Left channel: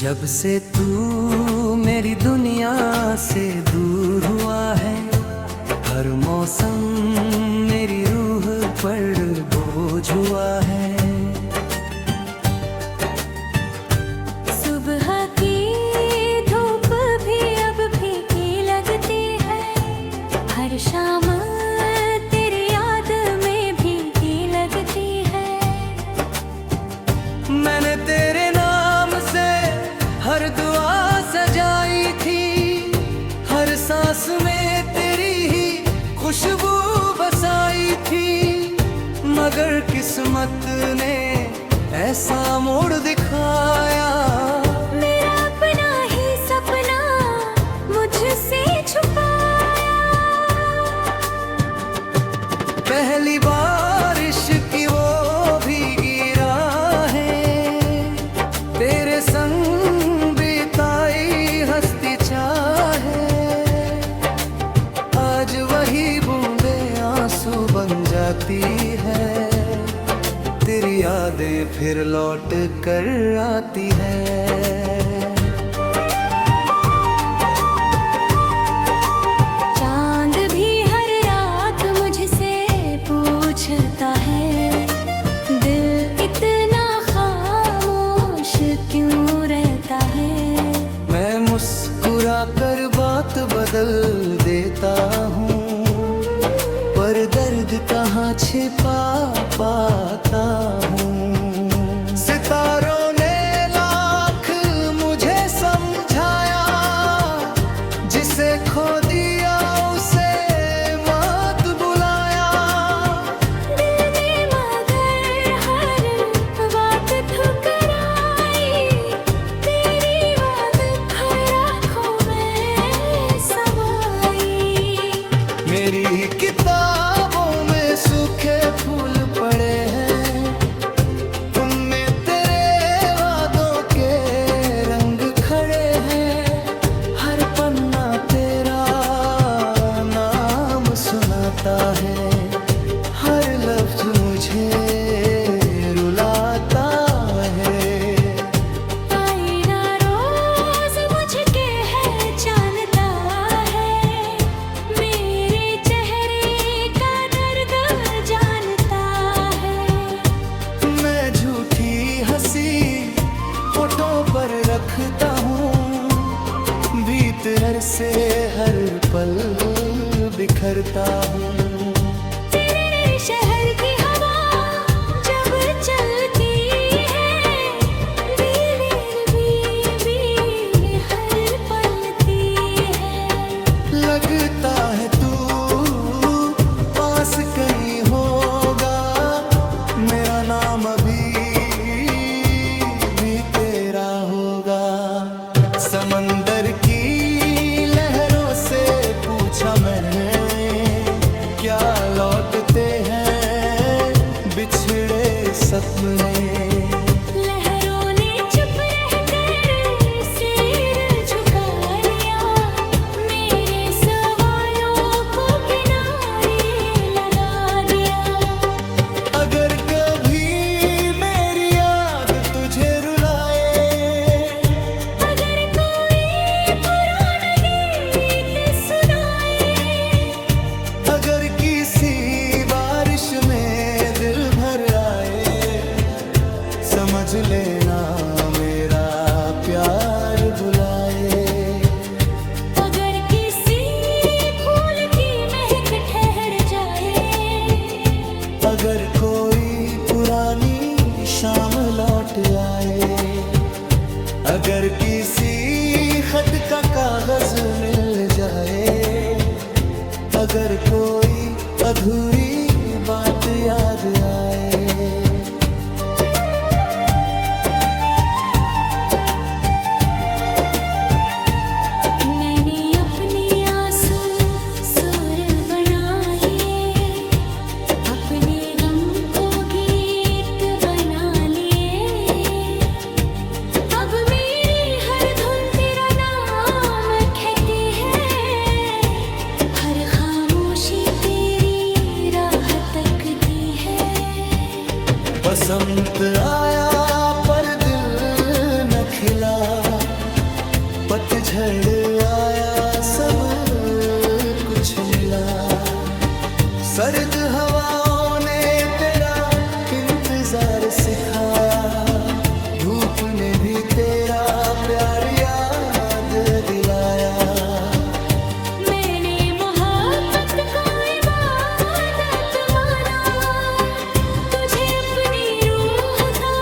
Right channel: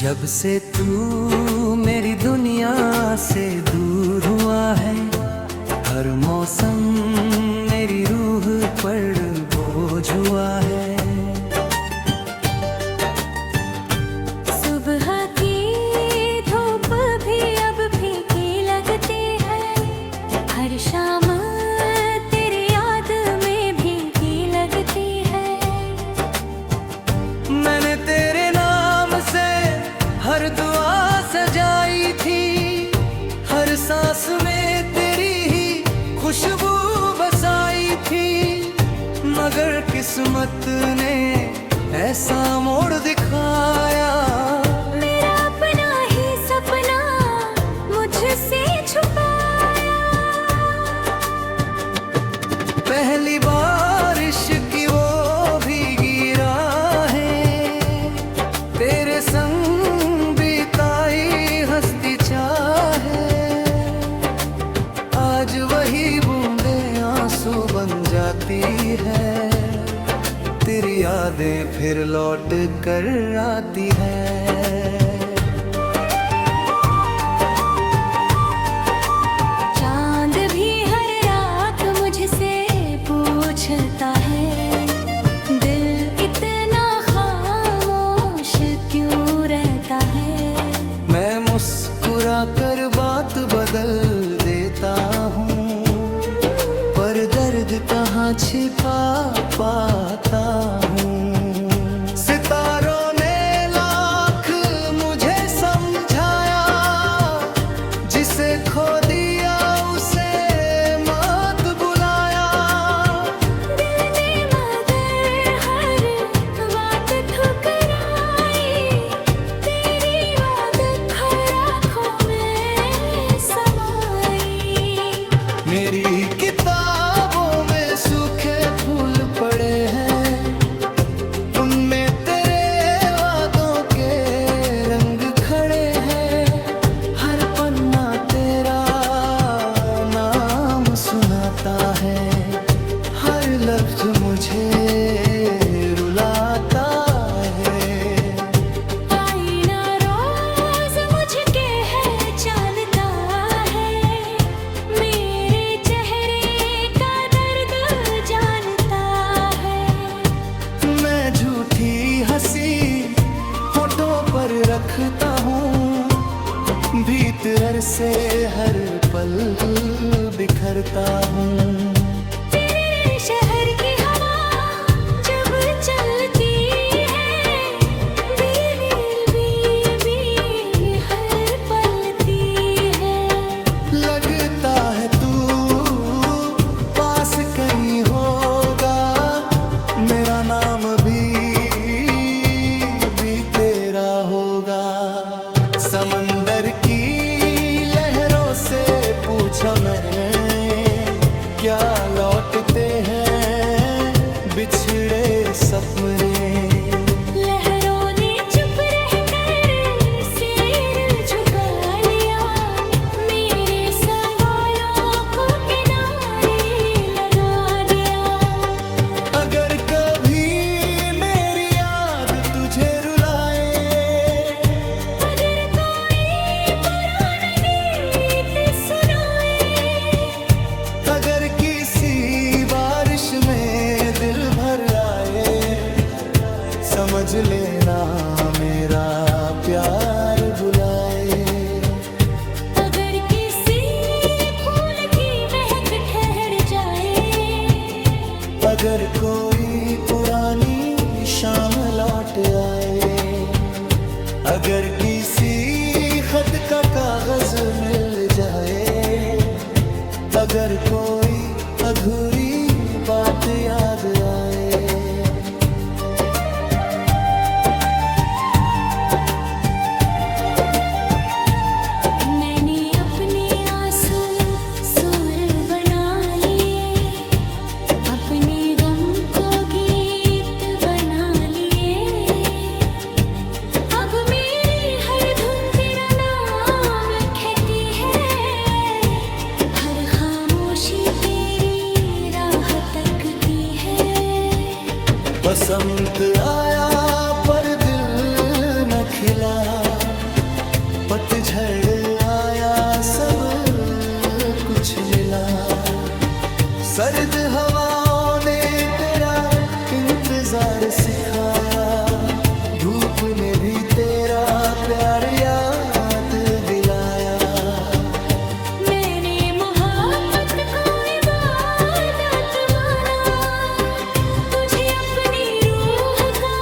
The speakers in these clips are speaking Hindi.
जब से तू मेरी दुनिया से दूर हुआ है, हर मौसम मेरी रूह पर बोझ हुआ है। सुबह की धूप भी अब फीकी लगती है, हर शाम तेरी याद में भीगी लगती है। मैंने तेरे नाम से हर दुआ सजाई थी, हर सांस में तेरी ही खुशबू बसाई थी, मगर किस्मत ने ऐसा मोड़ दिखाया। मेरा अपना ही सपना मुझसे छुपाया। पहली बारिश की वो भीगी राहें, तेरे संग बिताई हंसती चाहे, आज वही बूंदे आंसू बन जाती है, तेरी यादें फिर लौट कर आती है। चांद भी हर रात मुझसे पूछता है, दिल इतना खामोश क्यों रहता है। मैं मुस्कुरा कर बात बदल देता हूँ, पर दर्द कहाँ छिपा पाता हूँ। सितारों ने लाख मुझे समझाया, जिसे खो दिया उसे मत बुलाया। दिल ने मगर हर बात ठुकराई, तेरी बात हर आँखों में समाई। मेरी किताबों में सूखे फूल पड़े हैं, उनमें तेरे वादों के रंग खड़े हैं, हर पन्ना तेरा नाम सुनाता है, हर लफ्ज मुझे रुलाता है। आईना रोज मुझके है जानता है, मेरे चेहरे का दर्द जानता है। मैं झूठी हंसी होठों पर रखता हूँ, भीतर से हर पल बिखरता हूँ। तेरे शहर की हवा जब चलती है, बीवी हर पलती है। लगता है तू पास कहीं होगा, मेरा नाम भी तेरा होगा। समंदर की लहरों से पूछा मैंने, क्या लौटते हैं बिछड़े सपने। लहरों ने चुप रहकर सिर झुका लिया, मेरे सवालों को किनारे लगा दिया। अगर कभी मेरी याद तुझे रुलाए, अगर कोई पुराना गीत सुनाए, अगर किसी बारिश में दिल भर आए, समझ लेना मेरा प्यार बुलाए। अगर किसी फूल की महक ठहर जाए, अगर कोई पुरानी शाम लौट आए, अगर किसी खत का कागज मिल जाए, अगर कोई अधूरी बात याद आए। मैंने अपने आंसू सुर बना लिए, अपने गम को गीत बना लिए। अब मेरी हर धुन तेरा नाम कहती है, हर खामोशी तेरी राह तकती है। बसंत आया पर दिल न खिला, पतझड़ आया सब कुछ मिला। सर्द हवाओं ने तेरा इंतजार सिखाया, धूप ने भी तेरा प्यार याद दिलाया। मैंने मोहब्बत को इबादत माना, तुझे अपनी रूह का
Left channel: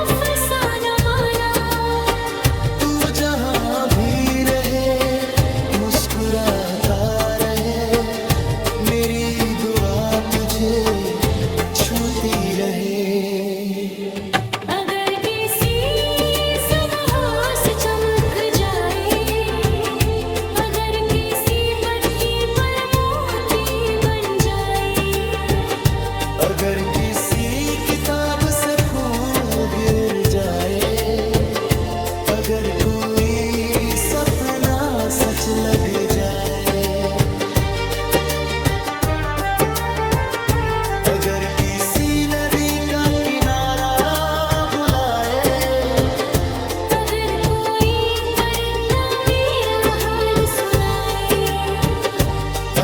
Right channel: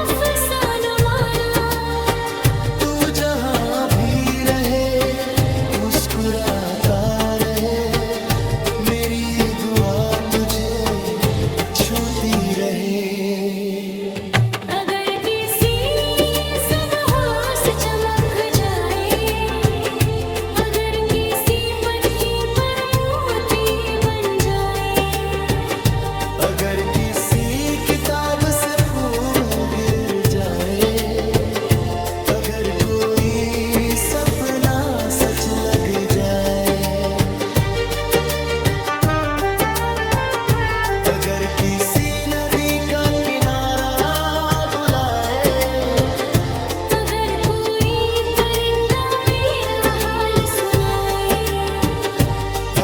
अफसाना माना। तू जहाँ भी रहे मुस्कुराता रहे, मेरी दुआ तुझे छूती रहे। अगर किसी सुबह से चमक जाए, अगर किसी पत्ती पर मोती बन जाए, अगर किसी किताब से फूल गिर जाए, अगर कोई सपना सच लग जाए, अगर किसी नदी का किनारा बुलाए, अगर कोई परिंदा मेरा हाल सुनाए,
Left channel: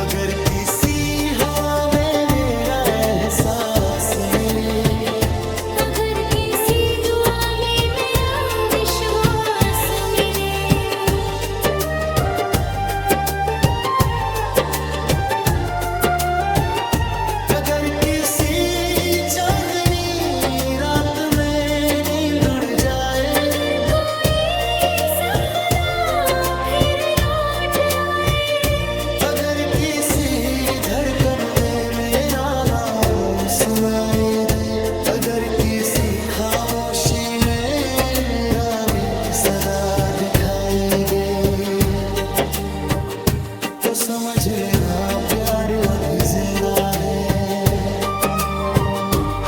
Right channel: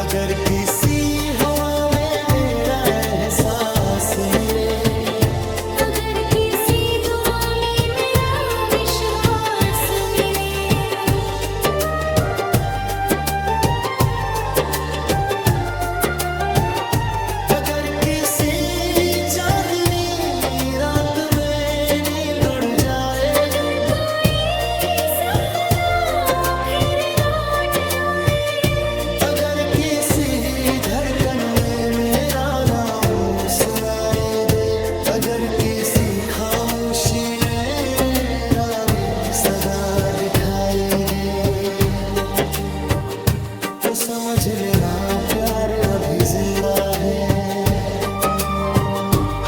अगर किसी हवा में मेरा एहसास मिले, अगर किसी दुआ में मेरा विश्वास मिले। अगर किसी चांदनी रात में नींद उड़ जाए, अगर कोई सपना फिर लौट आए, अगर किसी धड़कन में मेरा नाम सुनाई दे, अगर किसी खामोशी में रावी सदा दिखाई दे, तो समझ लेना प्यार अभी जिंदा है।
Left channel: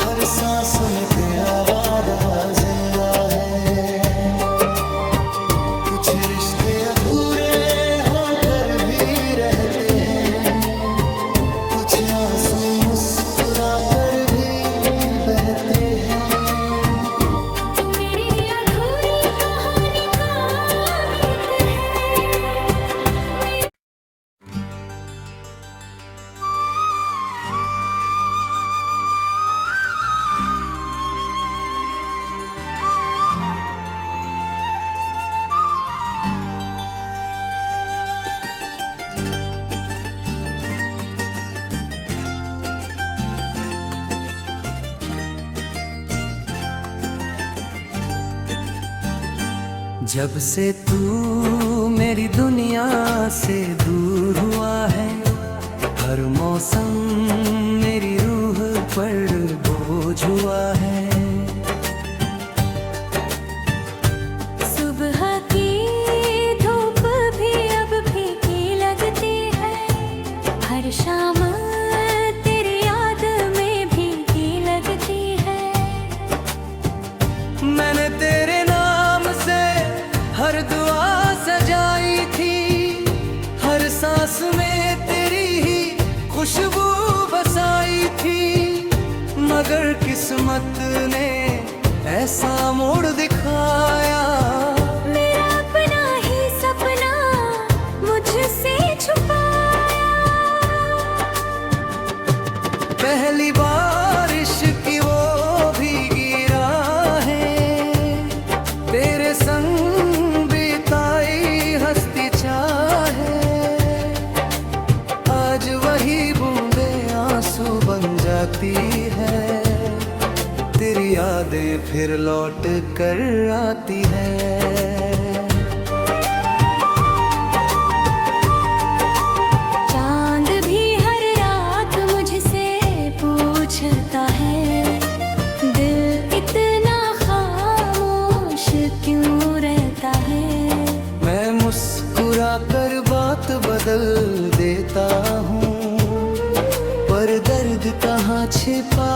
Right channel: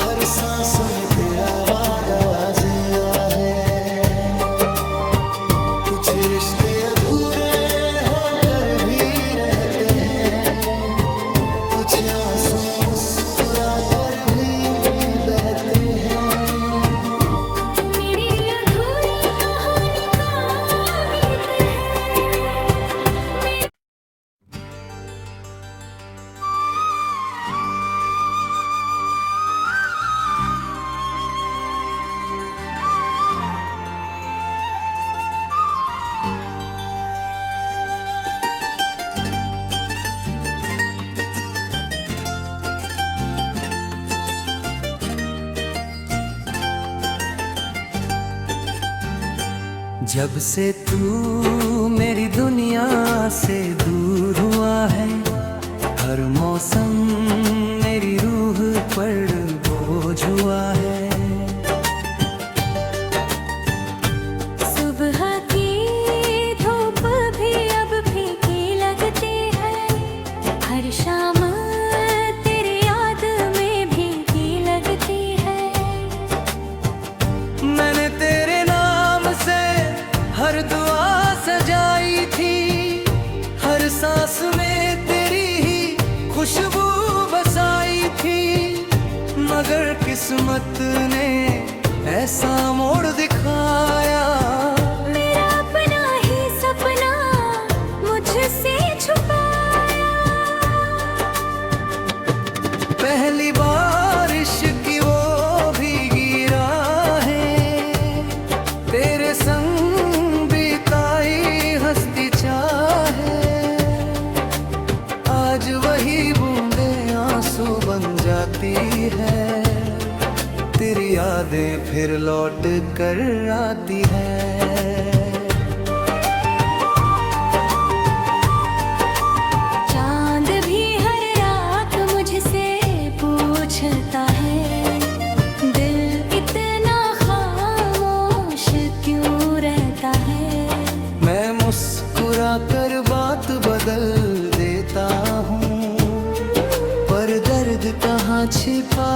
हर सांस में तेरा वादा जिंदा है। कुछ रिश्ते अधूरे होकर भी रहते हैं, कुछ आंसू मुस्कुरा कर भी बहते हैं। तू मेरी अधूरी कहानी का गीत है। मेरे जब से तू मेरी दुनिया से दूर हुआ है, हर मौसम मेरी रूह पर बोझ हुआ है। सुबह की धूप भी अब फीकी लगती है, हर शाम तेरी याद में भीगी लगती है। मैंने तेरे नाम से हर दुआ सजाई थी, हर सांस में तेरी ही खुशबू बसाई थी, मगर किस्मत ने ऐसा मोड़ दिखाया। मेरा अपना ही सपना मुझसे छुपाया। पहली बारिश की वो भीगी राहें, तेरे संग बिताई हंसती चाहे, आज वही बूंदे आंसू बन जाती है, तेरी यादें फिर लौट कर आती है। चांद भी हर रात मुझसे पूछता है, दिल इतना खामोश क्यों रहता है। मैं मुस्कुरा कर बात बदल देता हूँ, पर दर्द कहाँ छिपा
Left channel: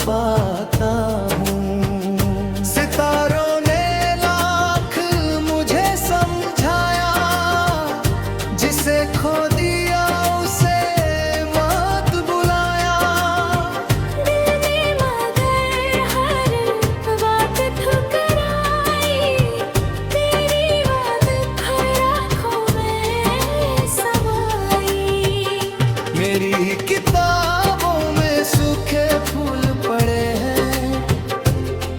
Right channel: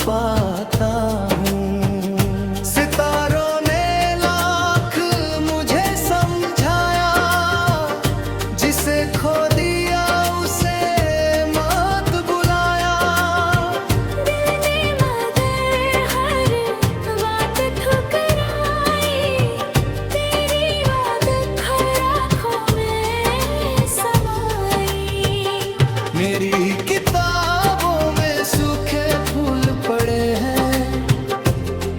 पाता हूँ। सितारों ने लाख मुझे समझाया, जिसे खो दिया उसे मत बुलाया। दिल ने मगर हर बात ठुकराई, मेरी किताबों में सूखे फूल पड़े हैं,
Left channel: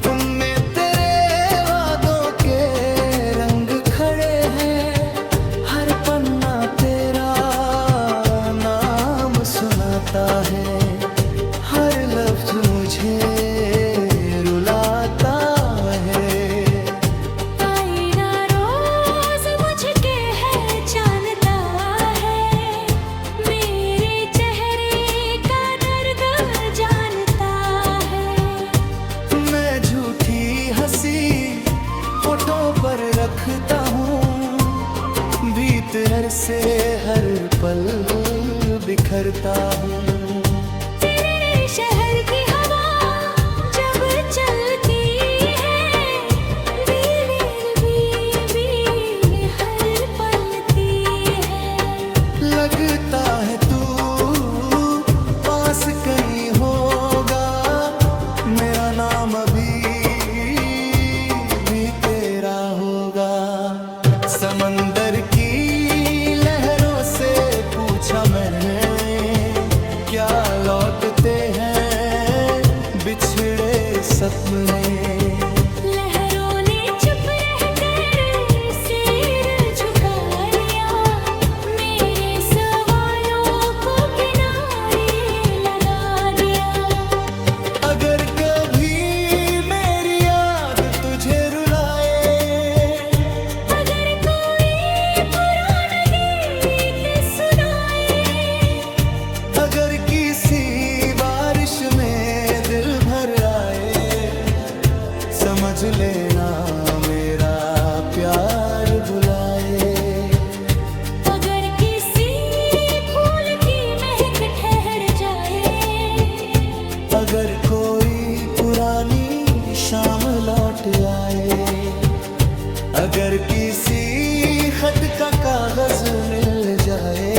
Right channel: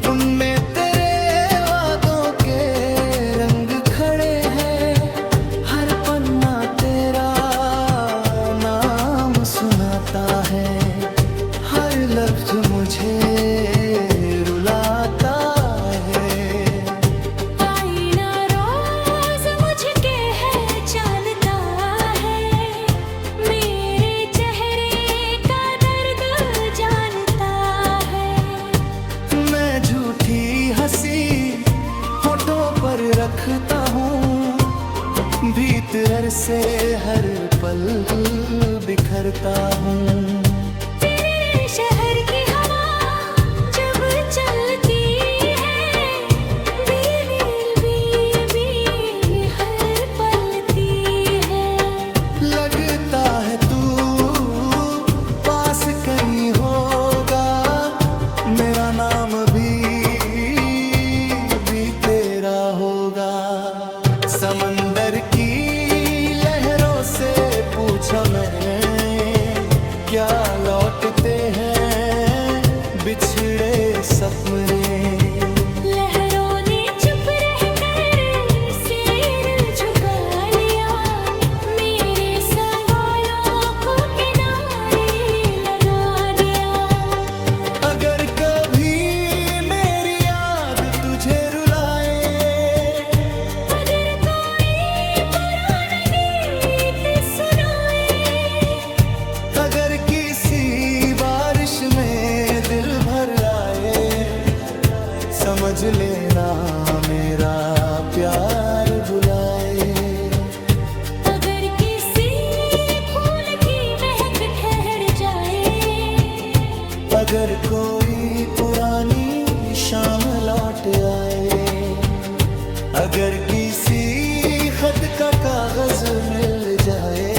उनमें तेरे वादों के रंग खड़े हैं। हर पन्ना तेरा नाम सुनाता है, हर लफ्ज मुझे रुलाता है। आईना रोज मुझके है जानता है, मेरे चेहरे का दर्द जानता है। मैं झूठी हंसी होठों पर रखता हूँ, भीतर से हर पल बिखरता हूँ। तेरे शहर की हवा जब चलती है, बील बील बील हर पलती है। लगता है तू पास कहीं होगा, मेरा नाम भी तेरा होगा। समंदर की लहरों से पूछा मैंने, क्या लौटते हैं बिछड़े सपने। लहरों ने चुप रहकर सिर झुका लिया, मेरे सवालों को किनारे लगा दिया। अगर कभी मेरी याद तुझे रुलाए, अगर कोई पुराना गीत सुनाए, अगर किसी बारिश में दिल भर आए, समझ लेना मेरा प्यार बुलाए। अगर किसी फूल की महक ठहर जाए, अगर कोई पुरानी शाम लौट आए, अगर किसी खत का कागज मिल जाए,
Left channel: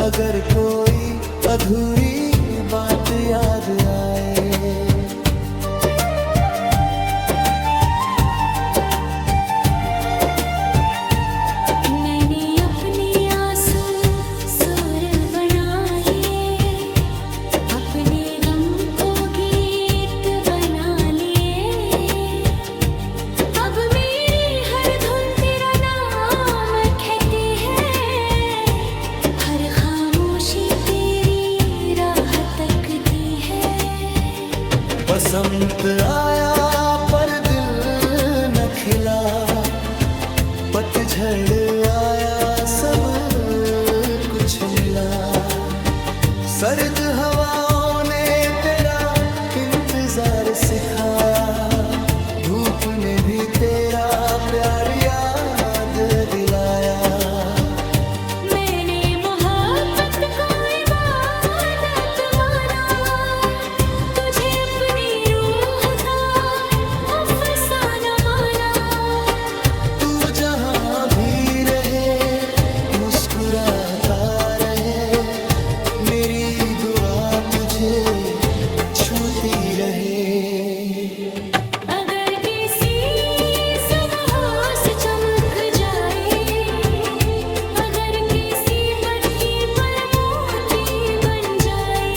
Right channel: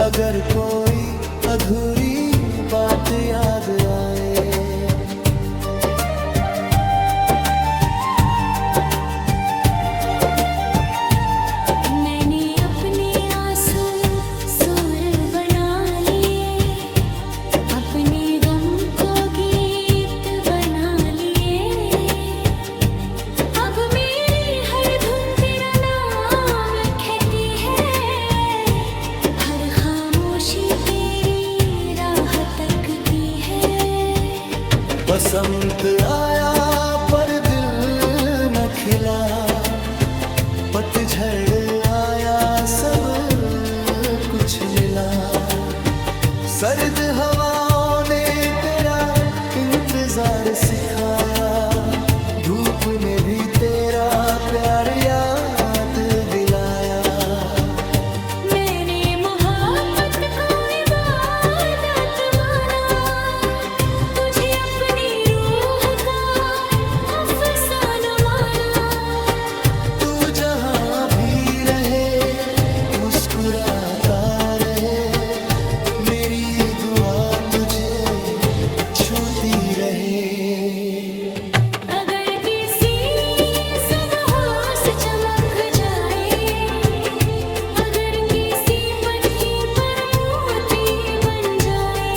अगर कोई अधूरी बात याद आए। मैंने अपने आंसू सुर बना लिए, अपने गम को गीत बना लिए। अब मेरी हर धुन तेरा नाम कहती है, हर खामोशी तेरी राह तकती है। बसंत आया पर दिल न खिला, पतझड़ आया सब कुछ मिला। सर्द हवाओं ने तेरा इंतजार सिखाया, धूप ने भी तेरा प्यार याद दिलाया। मैंने मोहब्बत को इबादत माना, तुझे अपनी रूह का अफसाना माना। तू जहाँ भी रहे मुस्कुराता रहे, मेरी दुआ तुझे छूती रहे। अगर किसी सुबह से चमक जाए, अगर किसी पत्ती पर मोती बन जाए,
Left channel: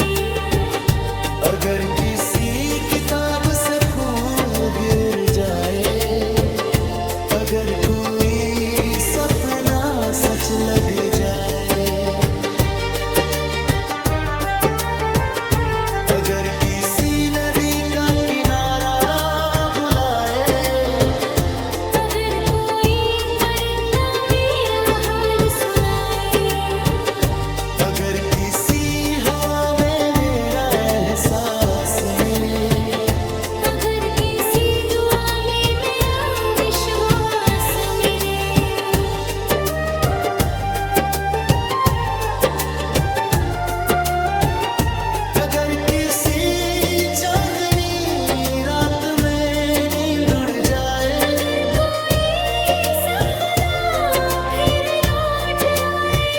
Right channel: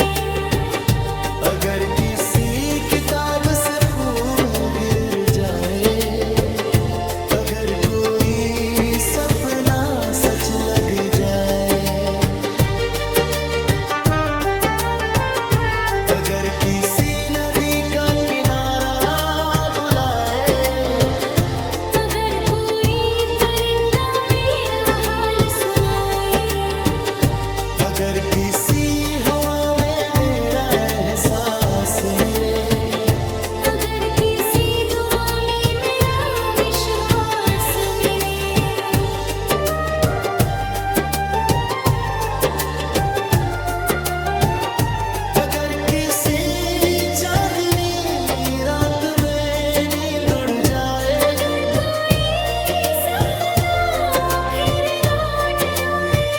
अगर किसी किताब से फूल गिर जाए, अगर कोई सपना सच लग जाए, अगर किसी नदी का किनारा बुलाए, अगर कोई परिंदा मेरा हाल सुनाए, अगर किसी हवा में मेरा एहसास मिले, अगर किसी दुआ में मेरा विश्वास मिले। अगर किसी चांदनी रात में नींद उड़ जाए, अगर कोई सपना फिर लौट आए,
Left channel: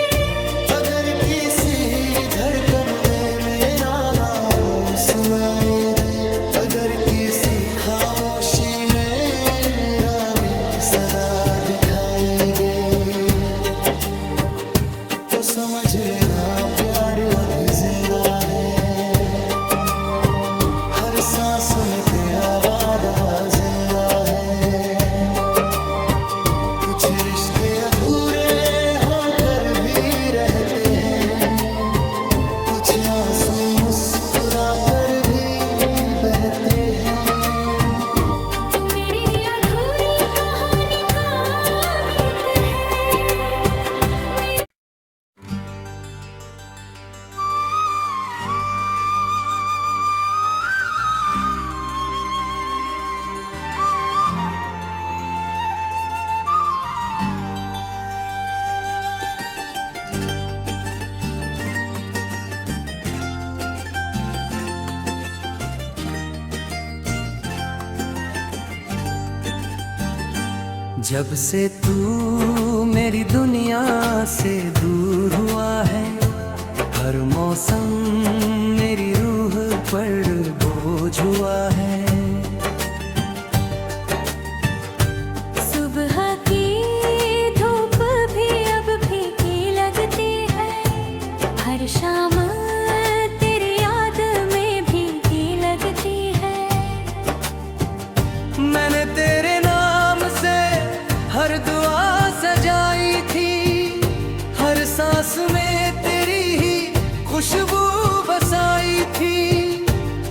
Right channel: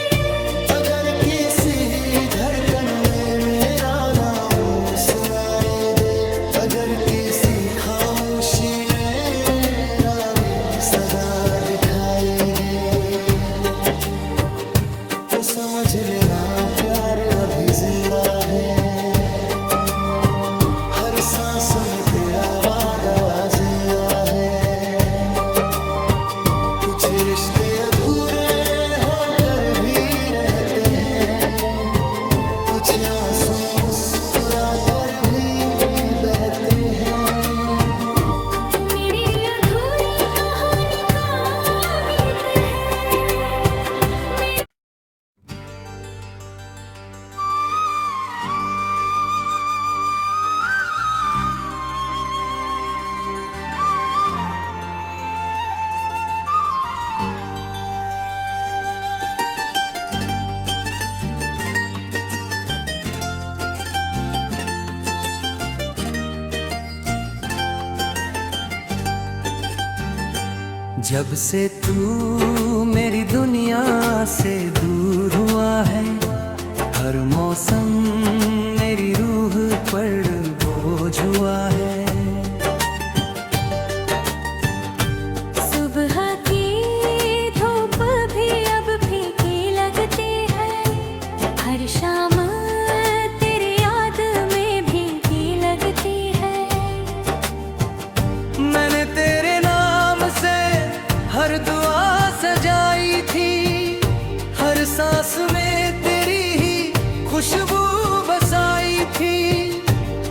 अगर किसी धड़कन में मेरा नाम सुनाई दे, अगर किसी खामोशी में रावी सदा दिखाई दे, तो तो समझ लेना प्यार अभी जिंदा है। हर सांस में तेरा वादा जिंदा है। कुछ रिश्ते अधूरे होकर भी रहते हैं, कुछ आंसू मुस्कुरा कर भी बहते हैं। तू मेरी अधूरी कहानी का गीत है। मेरे जब से तू मेरी दुनिया से दूर हुआ है, हर मौसम मेरी रूह पर बोझ हुआ है। सुबह की धूप भी अब फीकी लगती है। हर शाम तेरी याद में भीगी लगती है। मैंने तेरे नाम से हर दुआ सजाई थी, हर सांस में तेरी ही खुशबू बसाई थी।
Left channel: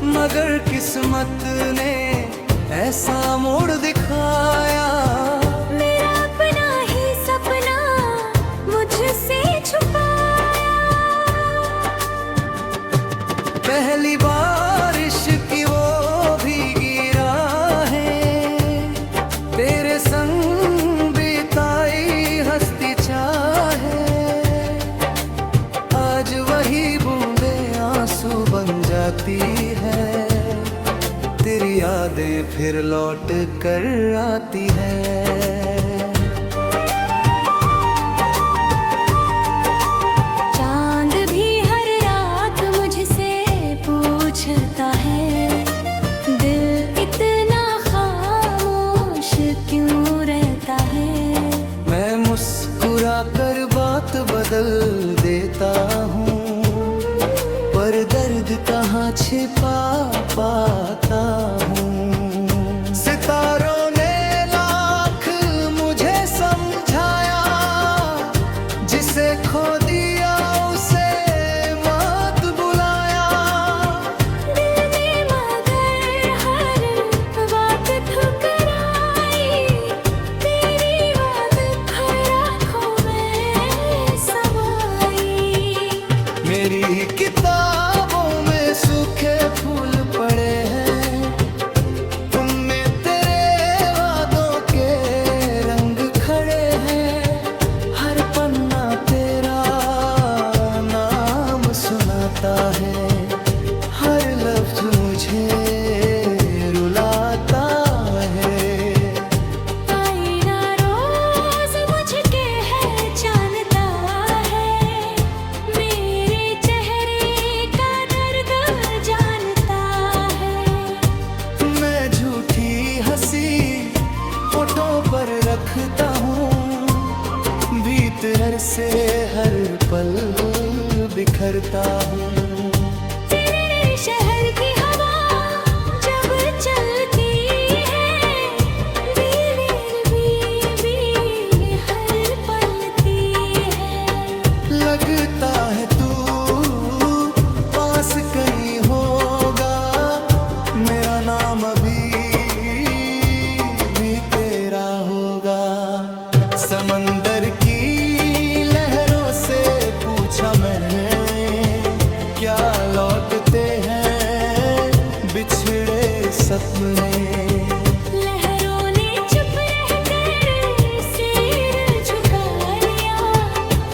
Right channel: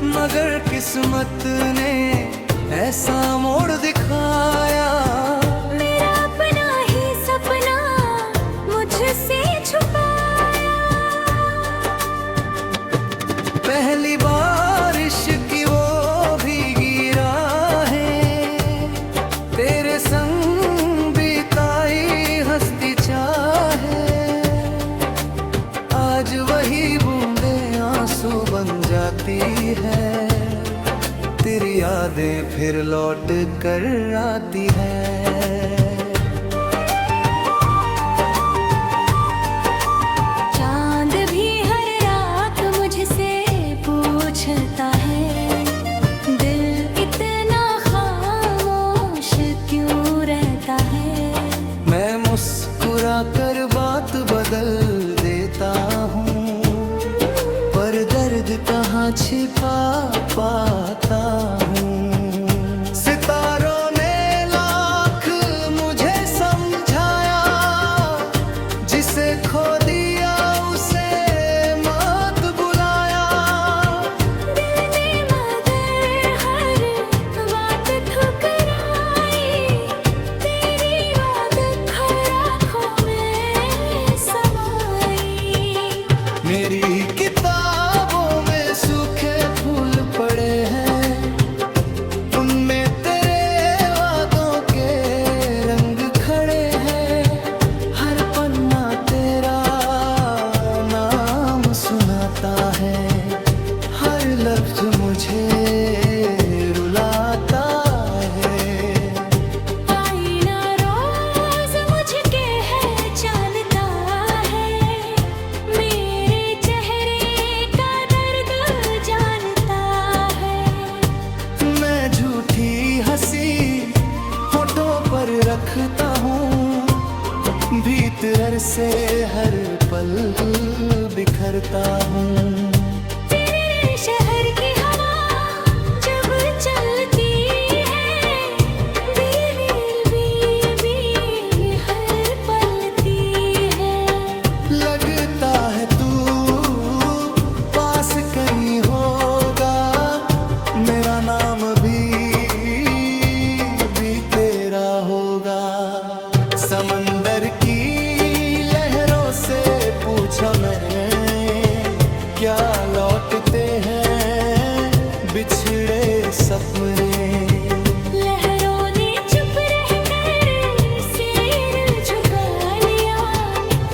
मगर किस्मत ने ऐसा मोड़ दिखाया, मेरा अपना ही सपना मुझसे छुपाया। पहली बारिश की वो भीगी राहें, तेरे संग बिताई हंसती चाहे। आज वही बूंदे आंसू बन जाती है, तेरी यादें फिर लौट कर आती है। चांद भी हर रात मुझसे पूछता है, दिल इतना खामोश क्यों रहता है। मैं मुस्कुरा कर बात बदल देता हूँ, पर दर्द कहाँ छिपा पाता हूँ। सितारों ने लाख मुझे समझाया, जिसे खो दिया उसे मत बुलाया। दिल ने मगर हर बात ठुकराई, तेरी बात हर आँखों में समाई। मेरी किताबों में सूखे फूल पड़े हैं, उनमें तेरे वादों के रंग खड़े हैं। हर पन्ना तेरा नाम सुनाता है, हर लफ्ज मुझे रुलाता है। आईना रोज मुझके है जानता है, मेरे चेहरे का दर्द जानता है। मैं झूठी हंसी होठों पर रखता हूँ, भीतर से हर पल बिखरता हूँ। तेरे शहर की हवा जब चलती है, बीवी हर पलती है। लगता है तू पास कहीं होगा, मेरा नाम भी तेरा होगा। समंदर की लहरों से पूछा मैंने, क्या लौटते हैं बिछड़े सपने। लहरों ने चुप रहकर सिर झुका लिया,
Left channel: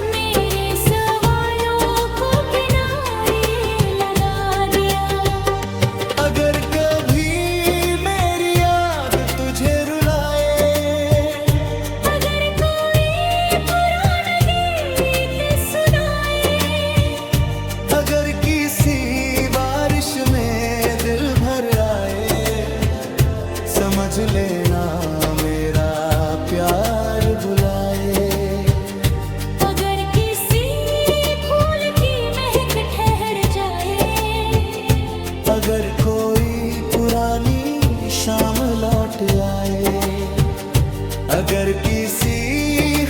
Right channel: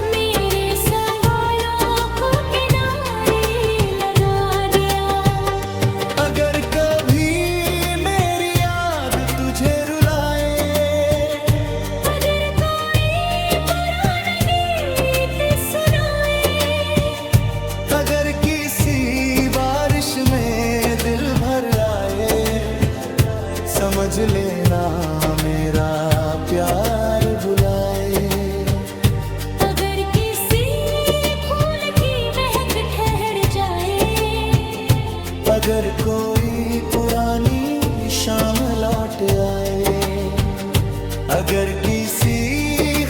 मेरे सवालों को किनारे लगा दिया। अगर कभी मेरी याद तुझे रुलाए, अगर कोई पुराना गीत सुनाए, अगर किसी बारिश में दिल भर आए, समझ लेना मेरा प्यार बुलाए। अगर किसी अगर कोई पुरानी शाम लौट आए, अगर किसी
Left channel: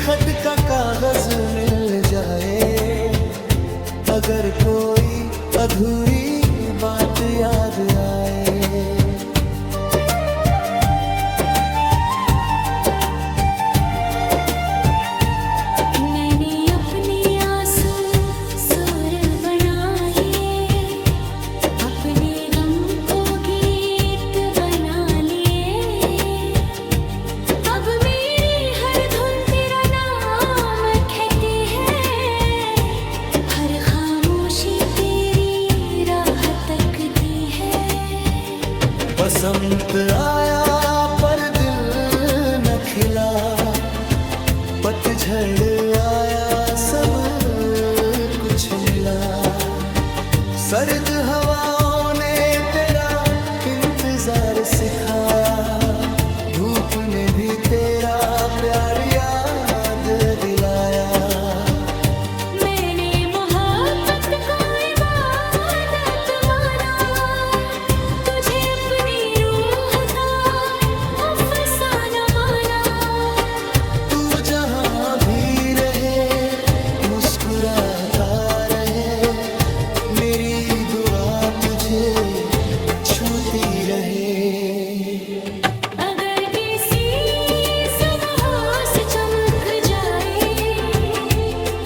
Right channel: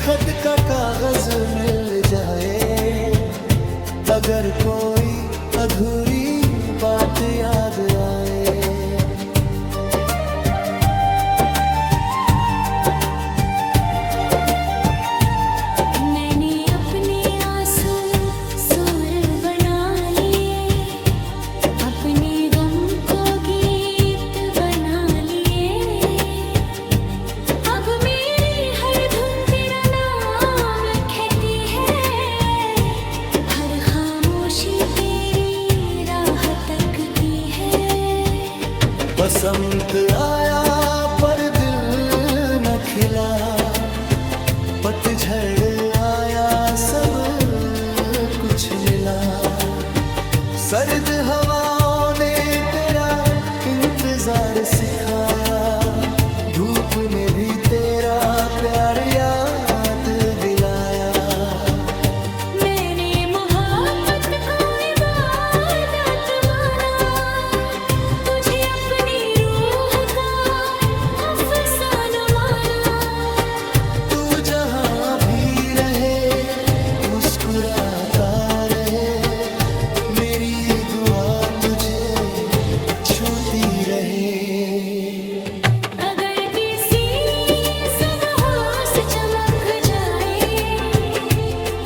खत का कागज मिल जाए, अगर कोई अधूरी बात याद आए। मैंने अपने आंसू सुर बना लिए, अपने गम को गीत बना लिए। अब मेरी हर धुन तेरा नाम कहती है, हर खामोशी तेरी राह तकती है। बसंत आया पर दिल न खिला, पतझड़ आया सब कुछ मिला। सर्द हवाओं ने तेरा इंतजार सिखाया, धूप ने भी तेरा प्यार याद दिलाया। मैंने मोहब्बत को इबादत माना, तुझे अपनी रूह का अफसाना माना। तू जहाँ भी रहे मुस्कुराता रहे, मेरी दुआ तुझे छूती रहे। अगर किसी सुबह से चमक जाए,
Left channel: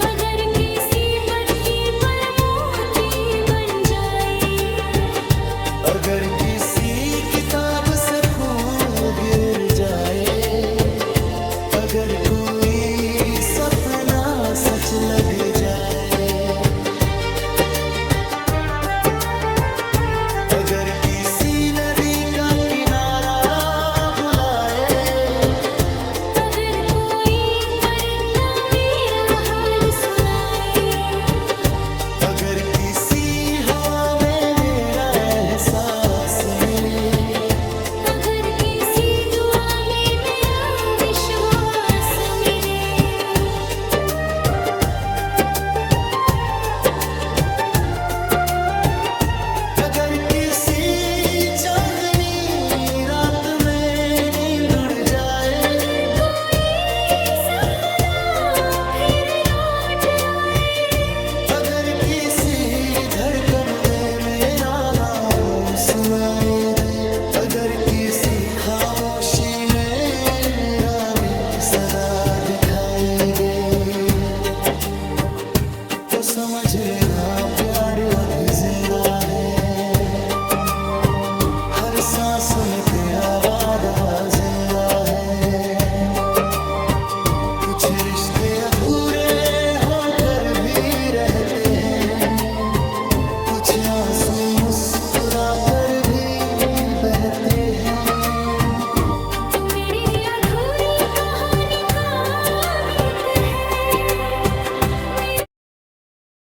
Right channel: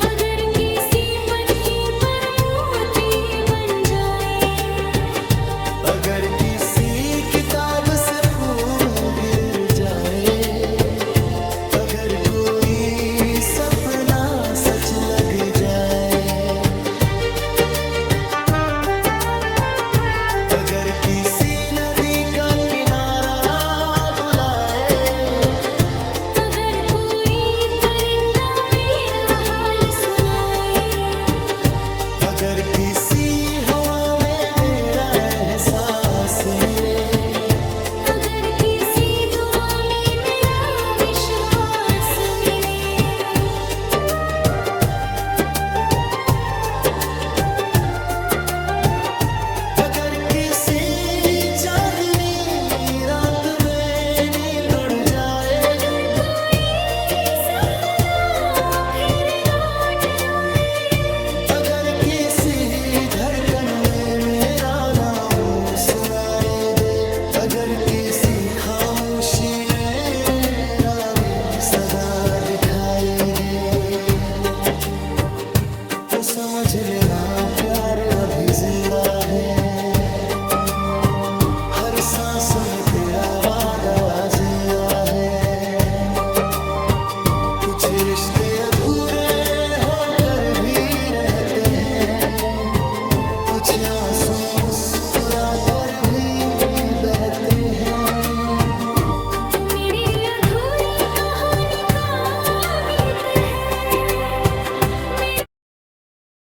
अगर किसी पत्ती पर मोती बन जाए, अगर किसी किताब से फूल गिर जाए, अगर कोई सपना सच लग जाए, अगर किसी नदी का किनारा बुलाए, अगर कोई परिंदा मेरा हाल सुनाए, अगर किसी हवा में मेरा एहसास मिले, अगर किसी दुआ में मेरा विश्वास मिले। अगर किसी चांदनी रात में नींद उड़ जाए, अगर कोई सपना फिर लौट आए, अगर किसी धड़कन में मेरा नाम सुनाई दे, अगर किसी खामोशी में मेरा भी सदा दिखाई दे, तो समझ लेना प्यार अभी जिंदा है। हर सांस में तेरा वादा जिंदा है। कुछ रिश्ते अधूरे होकर भी रहते हैं, कुछ आंसू मुस्कुरा कर भी बहते हैं।